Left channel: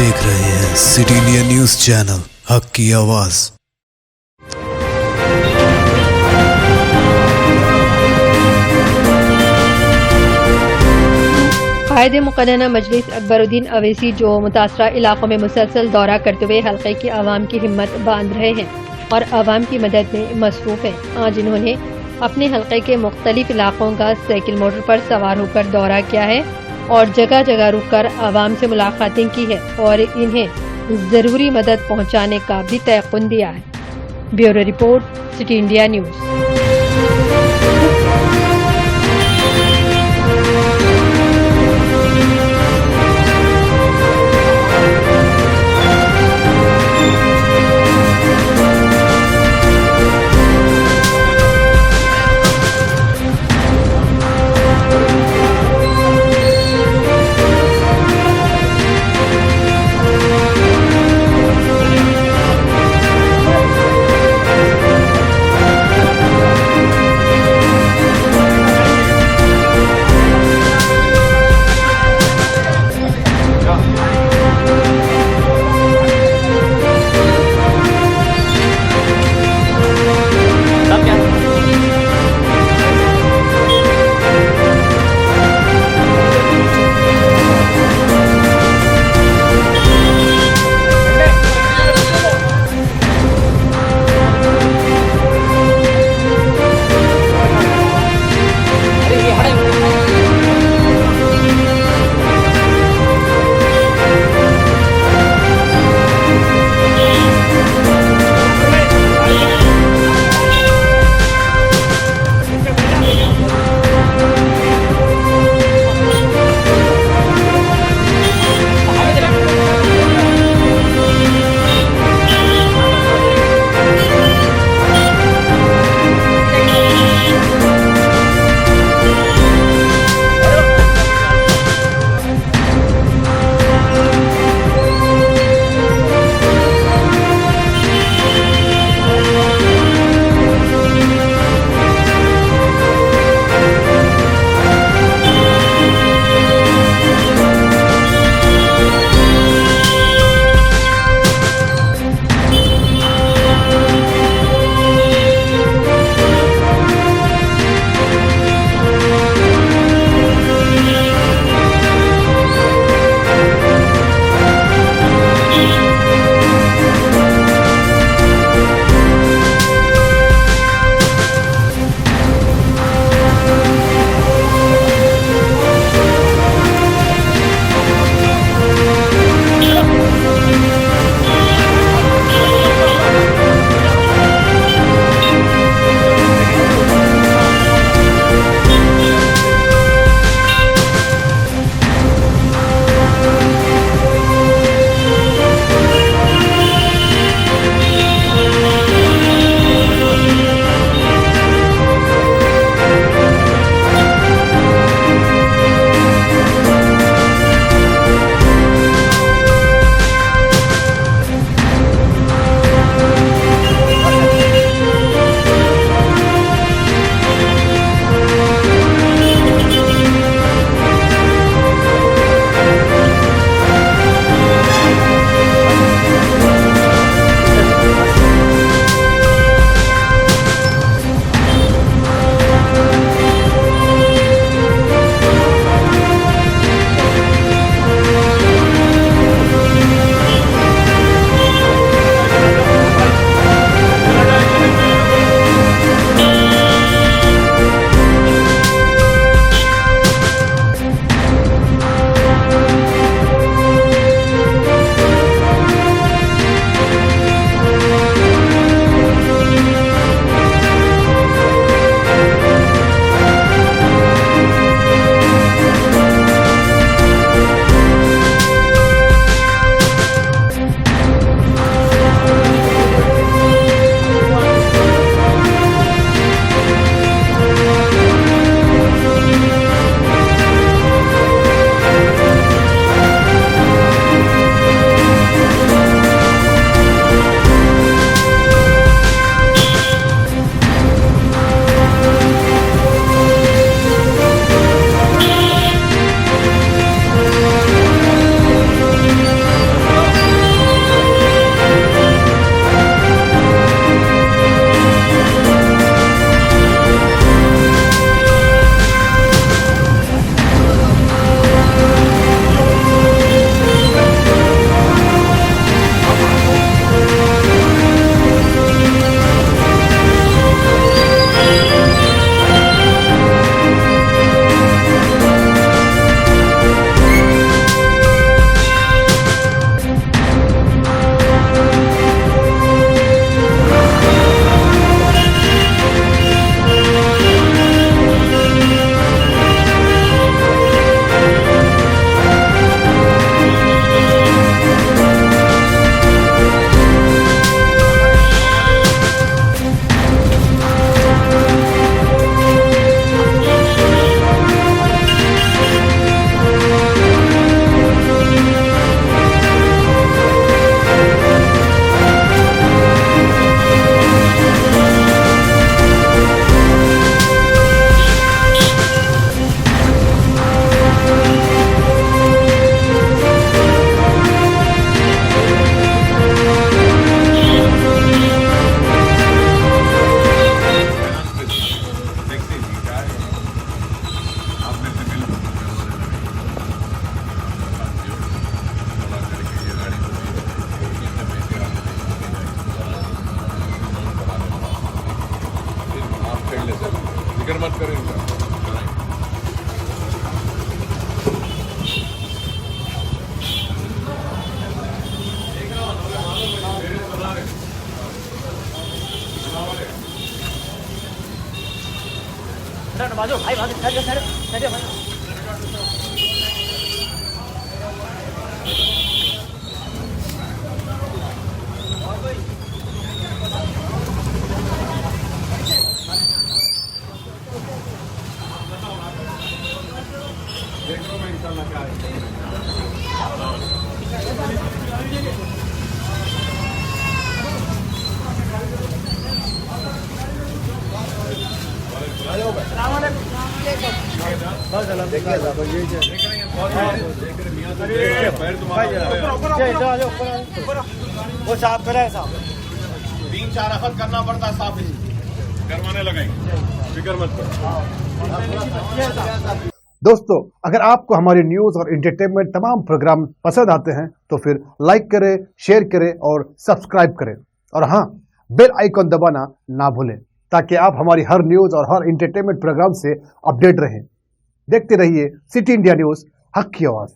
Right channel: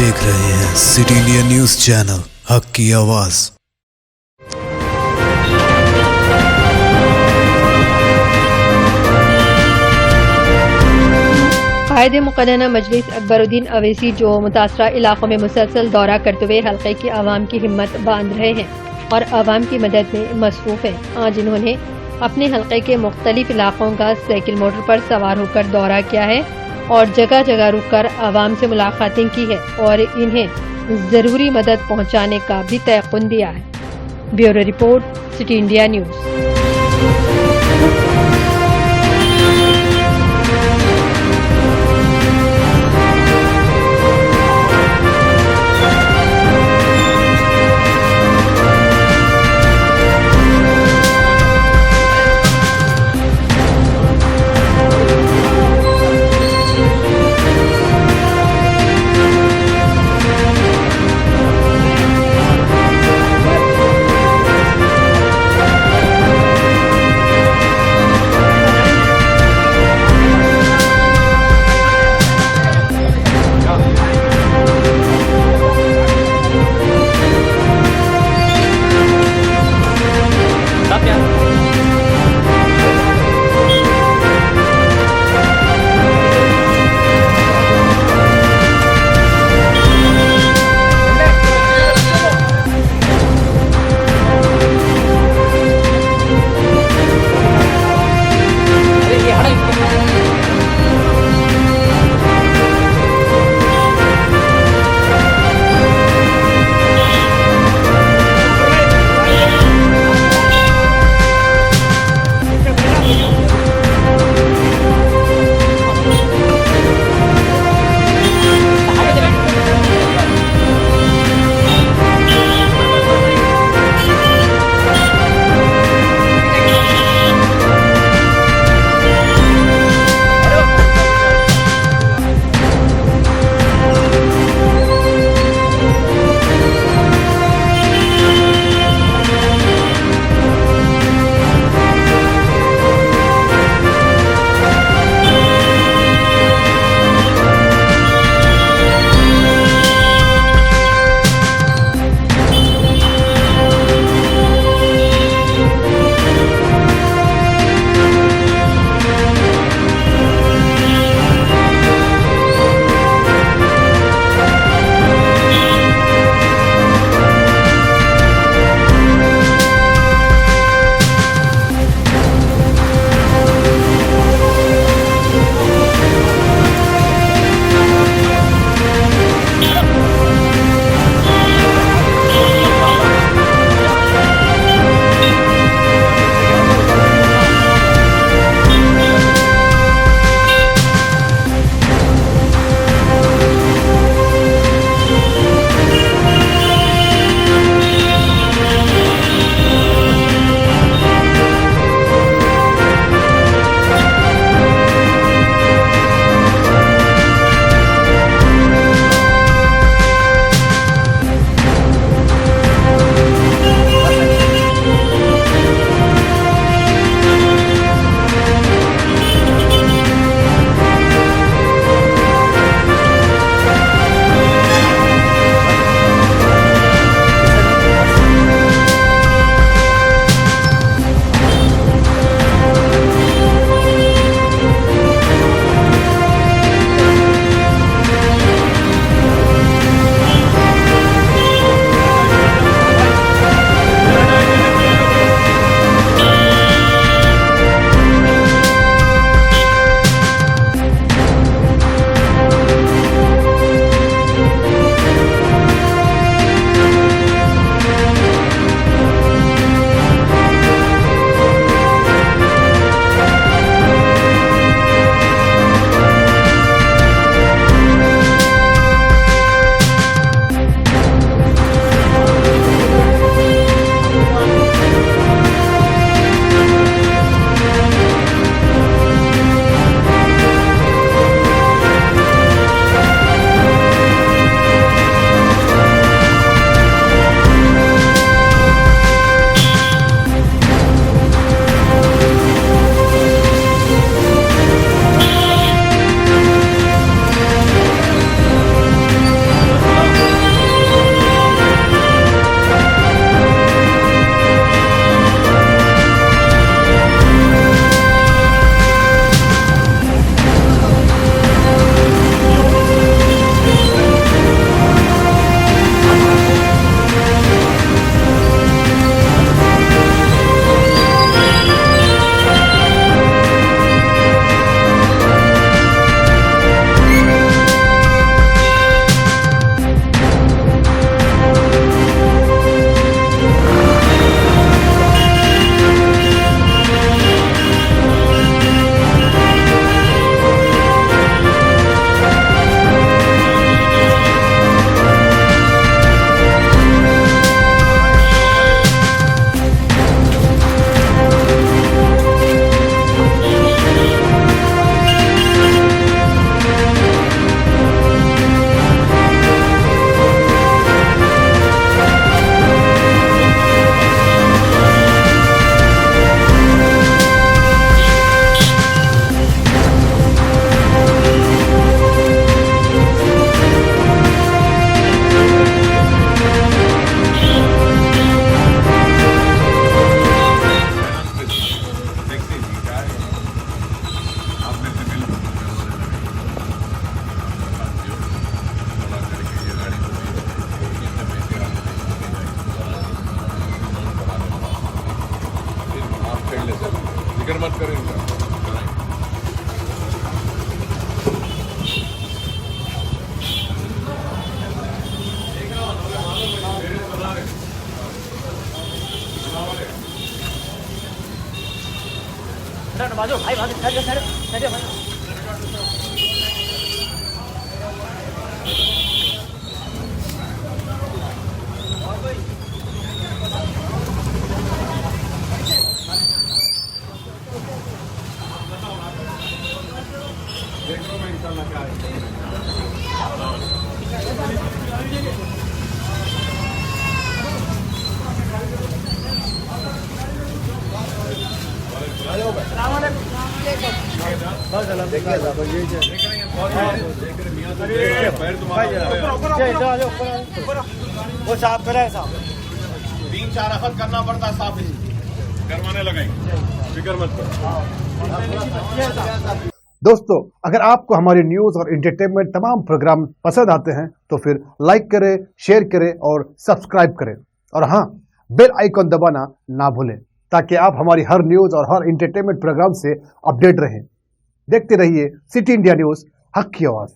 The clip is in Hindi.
देख रहे हैं सिटिंडिया न्यूज चैनल, हक की आवाज। कायद मुक़र्रना मजलिस अकबरुद्दीन ओवैसी जो मुतासरा इलाकों में मुसलसल दौरा करते हुए हल्के की आवाम की हिम्मत बांध रहे हैं और आवाम की मदद में मसरूफ़ हैं। आज इन्होंने अपने हल्के के मुख्तलिफ इलाकों का साइकिल मोटर पर सवार होकर दौरा किया है और जगह जगह रुककर आवाम से मुलाकातें की है और इन्हें ज़रूरी मदद पहुँचाने का भी तयक़ुन दिया है। Bureau report, city India news. वो साफ करे साहब 3-4 हफ्ते करना पड़ता साफ करवाने लगाएंगे फिक्र मत करो। दोस्तों, अगर आपको हमारी न्यूज और एंटरटेनमेंट तमाम प्रोग्राम पसंद आते हैं तो फिर लाइक करें, शेयर करें और सब्सक्राइब करें। और हाँ, बेल आइकॉन दबाना ना भूलें ताकि आप हमारी हर न्यूज और हर एंटरटेनमेंट प्रोग्राम से अपडेट रहें। देखते रहिए सिटी इंडिया न्यूज, हक की आवाज।